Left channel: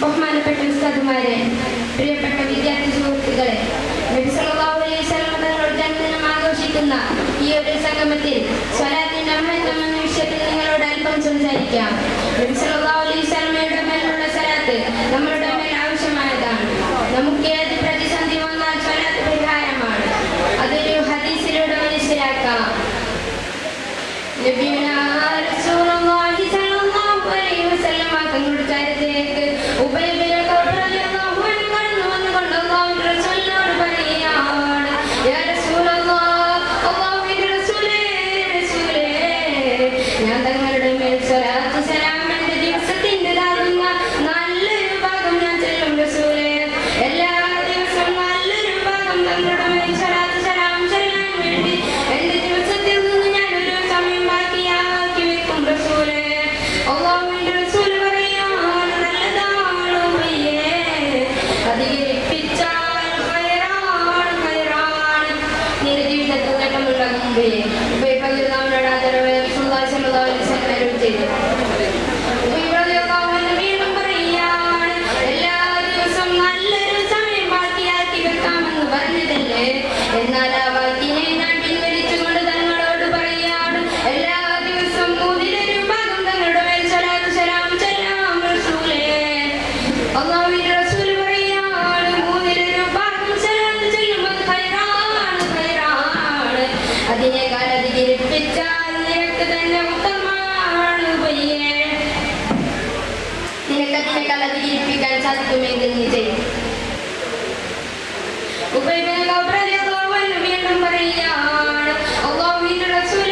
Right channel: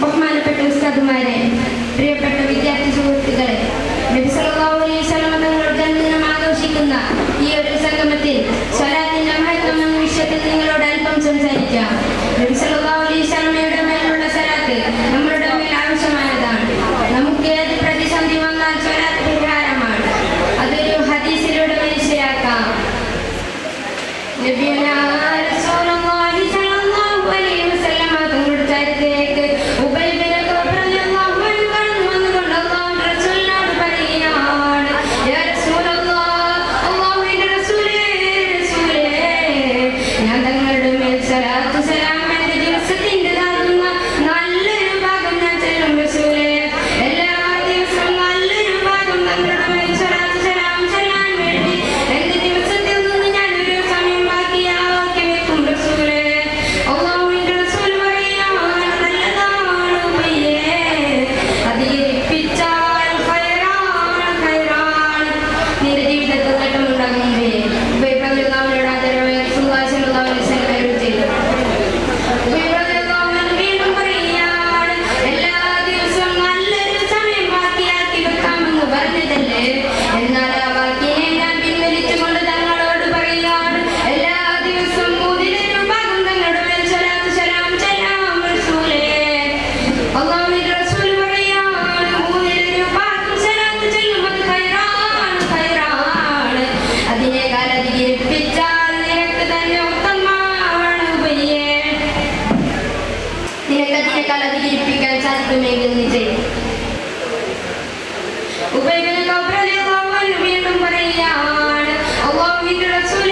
ബഹുമാനപ്പെട്ട ഉസ്താദുമാരെ, പ്രിയപ്പെട്ട വിദ്യാർത്ഥി സുഹൃത്തുക്കളെ, നബി സല്ലല്ലാഹു അലൈഹി വസല്ലം തങ്ങളുടെ ജന്മദിനം ആഘോഷിക്കുന്ന ഈ ഒരു സംഗമത്തിൽ സ്വലാത്തിന്റെ മഹത്വം എന്ന വിഷയത്തിൽ നിങ്ങളോട് അല്പം സംസാരിക്കാം. നബി സല്ലല്ലാഹു അലൈഹി വസല്ലമയുടെ മേലുള്ള സ്വലാത്ത് നമ്മുടെ മേൽ ആവശ്യമായതാണ്. നമുക്ക് ഏത് പ്രതിസന്ധി വന്നാൽ സ്വലാത്ത് പരിഹാരമാണ്. അതൊരു ഹദീസിലൂടെ മനസ്സിലാക്കാം. വീണ്ടും പറയുകയാണ്, അല്ലാഹുവിന്റെ റസൂൽ